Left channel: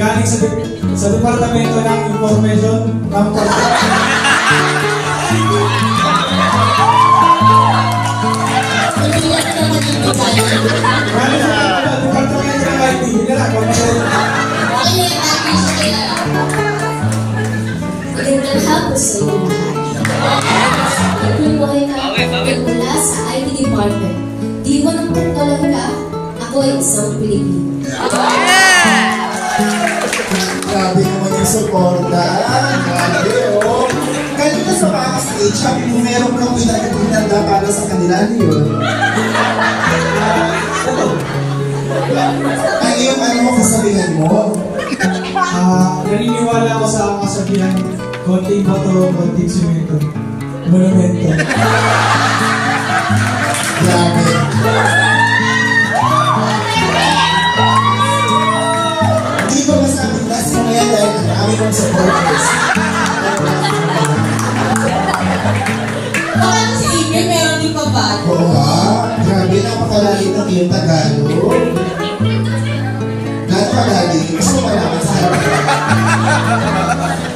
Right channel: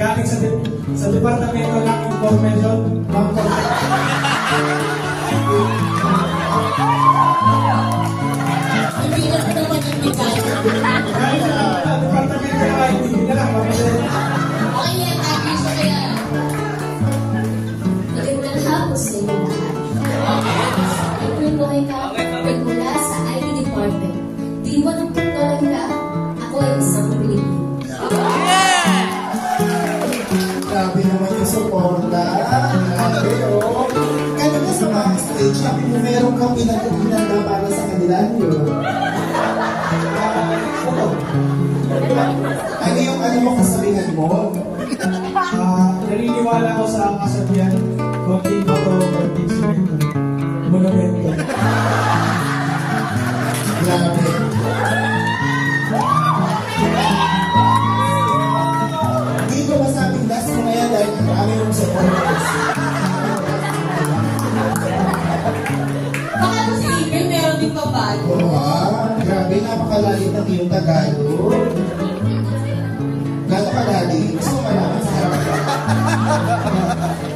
Galing sa Departamento ng Information ng kung meron kang pinaganda para sa kanila, yun. Ay, yung ano mo kasabihan mo? Naniniwala ako sa kasabihan, konting bato, konting simento, monumento. Grabe. Hindi ko masabing last mo yan dahil ang dami mong supporters. Grabe, napakalali ng iyong Tagalog. Lahat palali, gusto pa naman sa harap.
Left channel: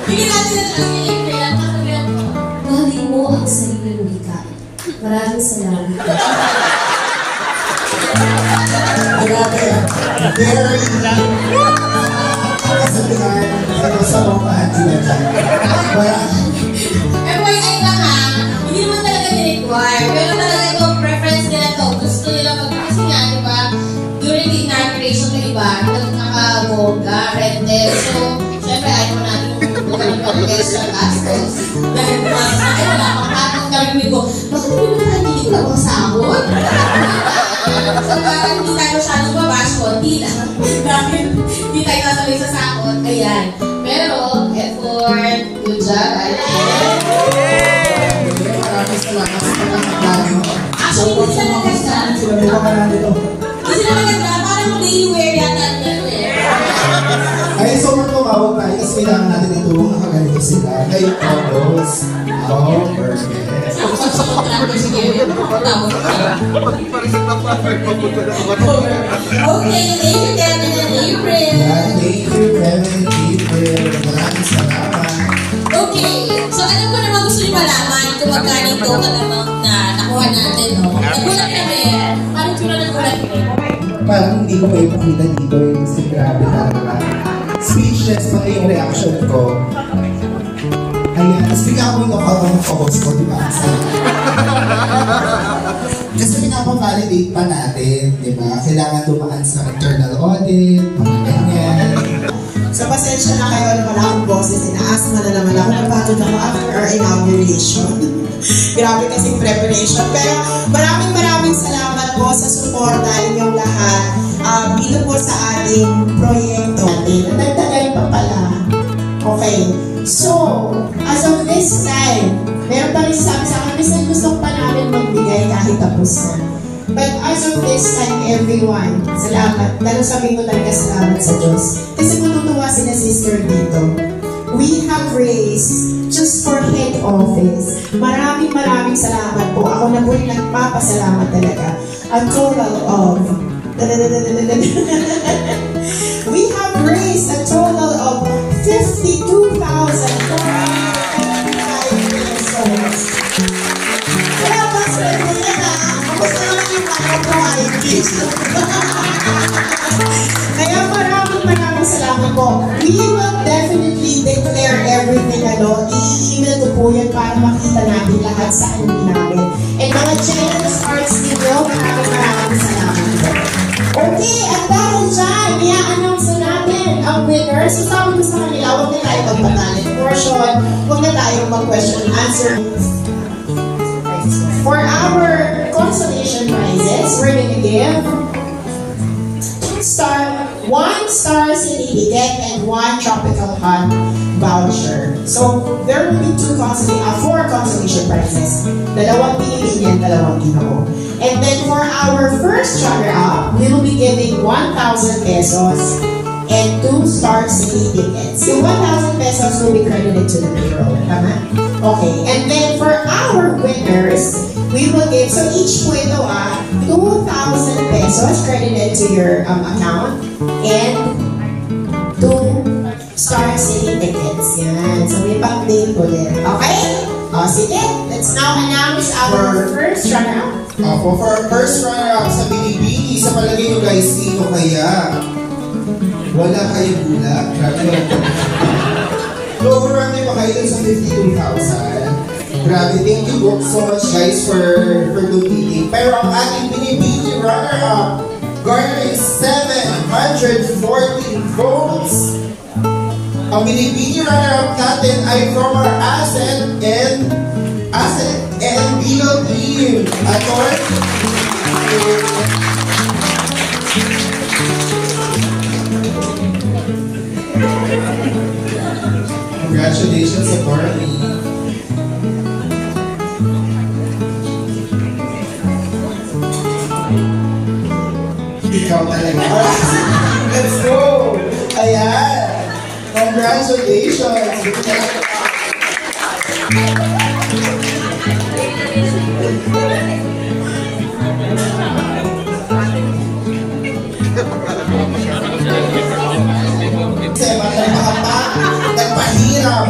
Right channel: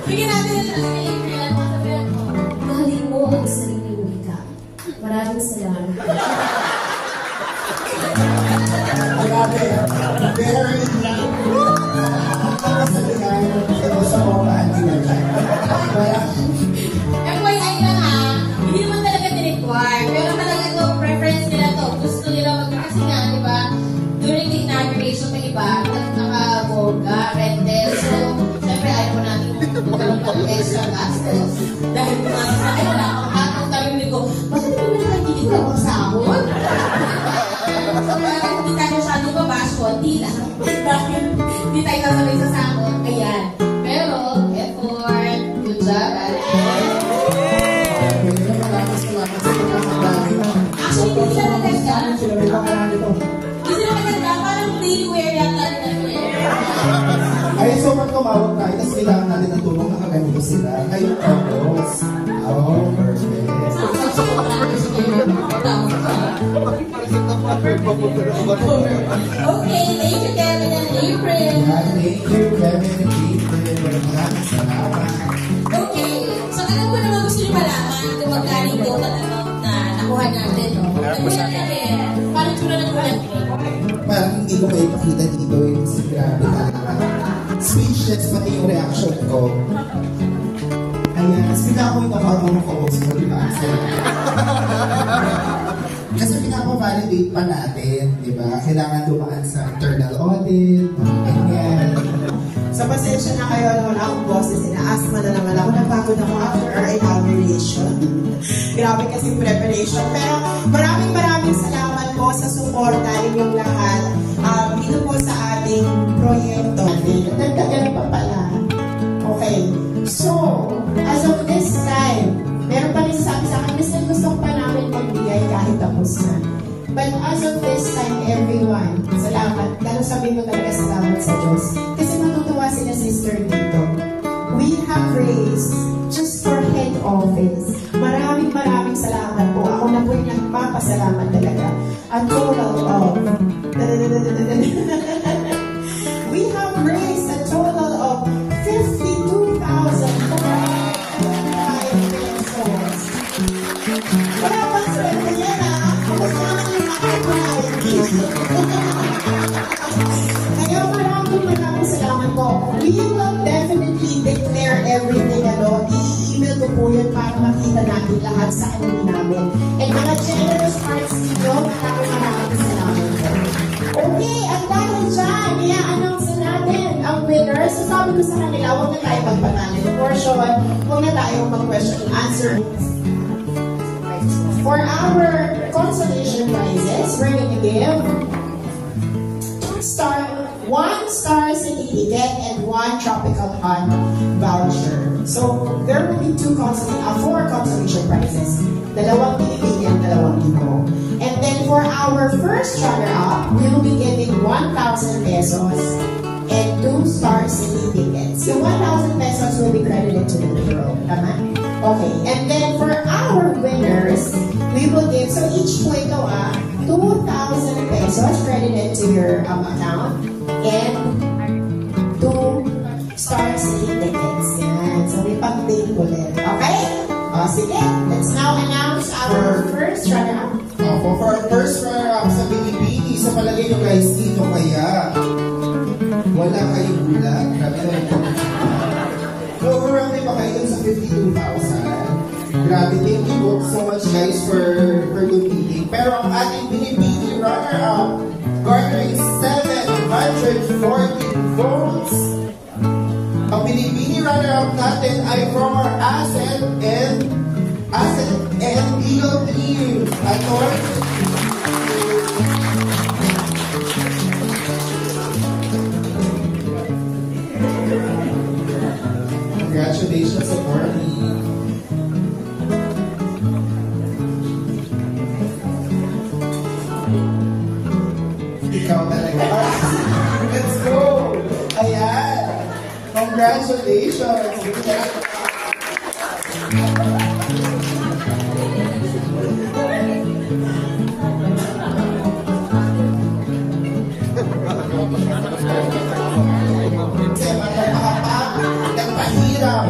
Bigyan natin ang alin, mahalin mo ang sariling wika. Maraming salamat. Grabe, very kasabihan sa mga anti-nila. FYI lang ha, hindi naman talaga ni-require. Pero talaga ito, preference nila to. Gusto nila kasi nga, di ba? During the inauguration ng iba, naka-goga, red tail. So, syempre, ayaw mo natin yung magkaroon sa gastos. Dahil ay wala akong hatang karinig ko. Bakit hindi mo naman hindi ko ako sahod? So, parang hindi tayo masyadong mabash ko. Hindi na. Hindi tayo kasabay sa sahod. Ayan. Pero, effort, good job. Ay, so matungawag na, is kailangan natin itulong na kaganito sila. Kayo tapos, perfect. Okay, thank you, Kevin and April. Thank you, Kevin and April. Maraming salamat. Okay, so alam mo naman gusto niyo malaman kung magkano ito kalamang na nakuha natin, no? Nagulat kami. Paano ito na nagulat kami? Parang hindi ko kayo makita dito yung si grabe talaga. Speechless pati yung reaction ko. Ayan, tapos bigla ko yung nakakapag-focus ko, di ba? Kasi pinapa-validate pa natin, di ba? Kailangan dumaan sa internal audit, mga ganyan. So, pasensya na kayo naman akong boses. Inaasma na naman ako. Napagod ako after our inauguration. Grabe kasing preparation. Pero maraming salamat po sa suporta inyong lahat. Dito po sa ating proyekto. Nagtagal pa pala. Okay. So, as of this time, But as of this time, everyone, salamat. Lalo sabihin ko talaga salamat sa Diyos. Kasi matutuwa si na sister dito. We have raised, just for head office, maraming salamat po. Ako na po yung nagpapasalamat talaga. A total of... We have raised a total of 52,000 pesos. Kaya mas pwede yan Gusto naman yung Kaya maraming salamat po. We will definitely declare everything i-email ko po yun para makita natin lahat sa namin. And mga generous hearts ninyo, maraming salamat po. Okay, at dahil dyan, i-announce na natin ang winner. So sabi ko sa kanila, huwag na tayo magpatalent portion, huwag na tayo mag-question and answer. For our consolation prizes, we're going to give 1 star certificate and 1 tropical hunt voucher. So there will be 4 consolation prizes. Dalawang pinipinyan, dalawang ginoo. And then for our first runner-up, we will be giving 1,000 pesos and 2 star certificates. Yung 1,000 pesos will be credited to the payroll. Tama? Okay. And then for our winners, we will give, so each po ito 2,000 pesos credited to your account and 2 star certificates. Yan. So may pang-date po din. Okay? O, sige. Let's now announce our first runner-up. For our first runner-up sa Binibini, sa palagay nyo guys, sino kaya? Wala kayong gulat. Grabe. So, marami pa kayo sa 52,000. Grabe. Thank you so much guys for donating. Pero ang ating Binibini runner-up garnering 740 votes. Ang Binibini runner-up natin ay from our asset and legal team. Congratulations, Attorney. Ikaw talaga. Let's go! Ayan! Congratulations!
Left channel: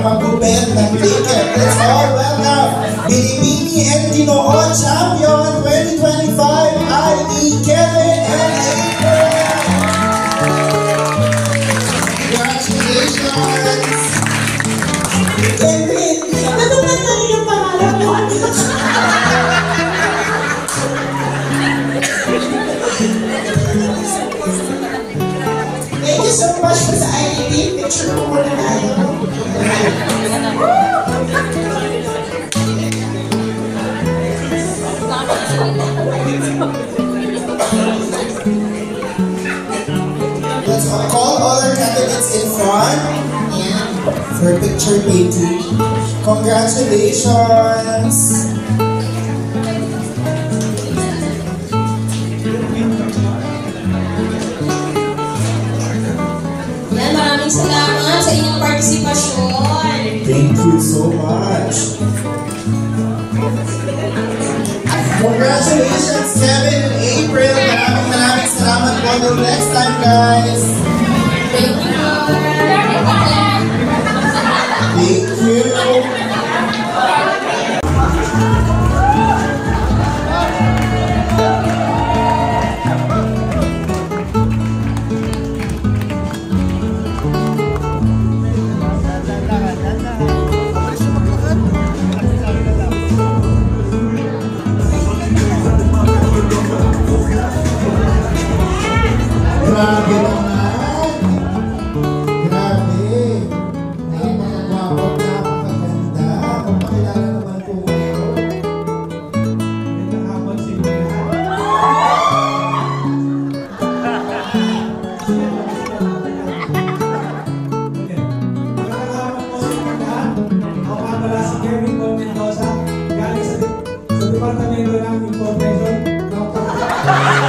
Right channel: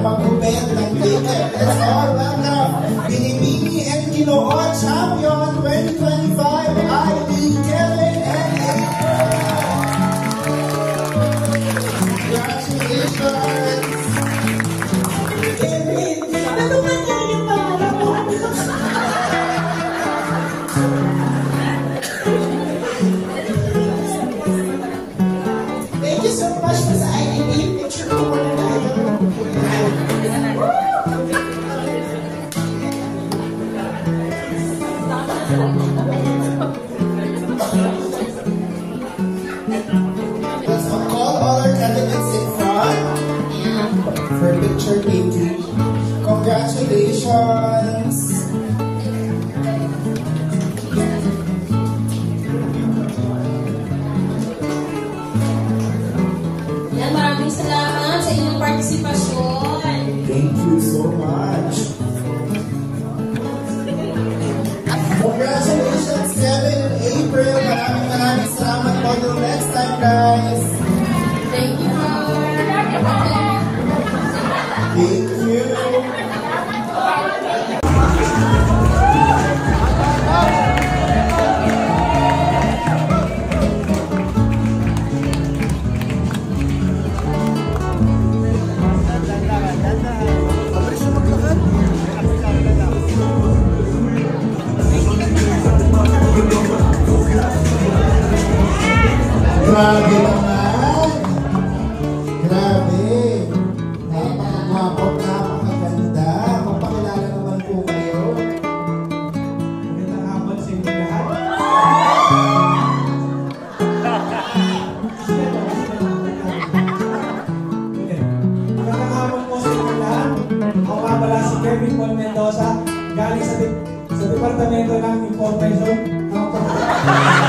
Mag-bend ng ticket. Let's all welcome Binibini and Ginoo Champion 2025, ID Kevin and Congratulations! Kevin, ano ba tayo yung pangalan mo? Thank you so much for sa ID. Picture ko muna tayo. Let's call all our candidates in front for picture taking. Congratulations! Yan, maraming salamat sa inyong partisipasyon. Thank you so much. Congratulations, Kevin and April. Maraming salamat po. Until next time, guys. Thank you. Thank you. Grabe naman! Grabe! Napakagwapo, napakaganda. Kung pakilala naman po kayo. Magandang hapon sa inyo lahat. Magandang hapon po sa inyo lahat. Ako nga pala si Kevin Paul Mendoza, galing sa Departamento ng Information. Wow.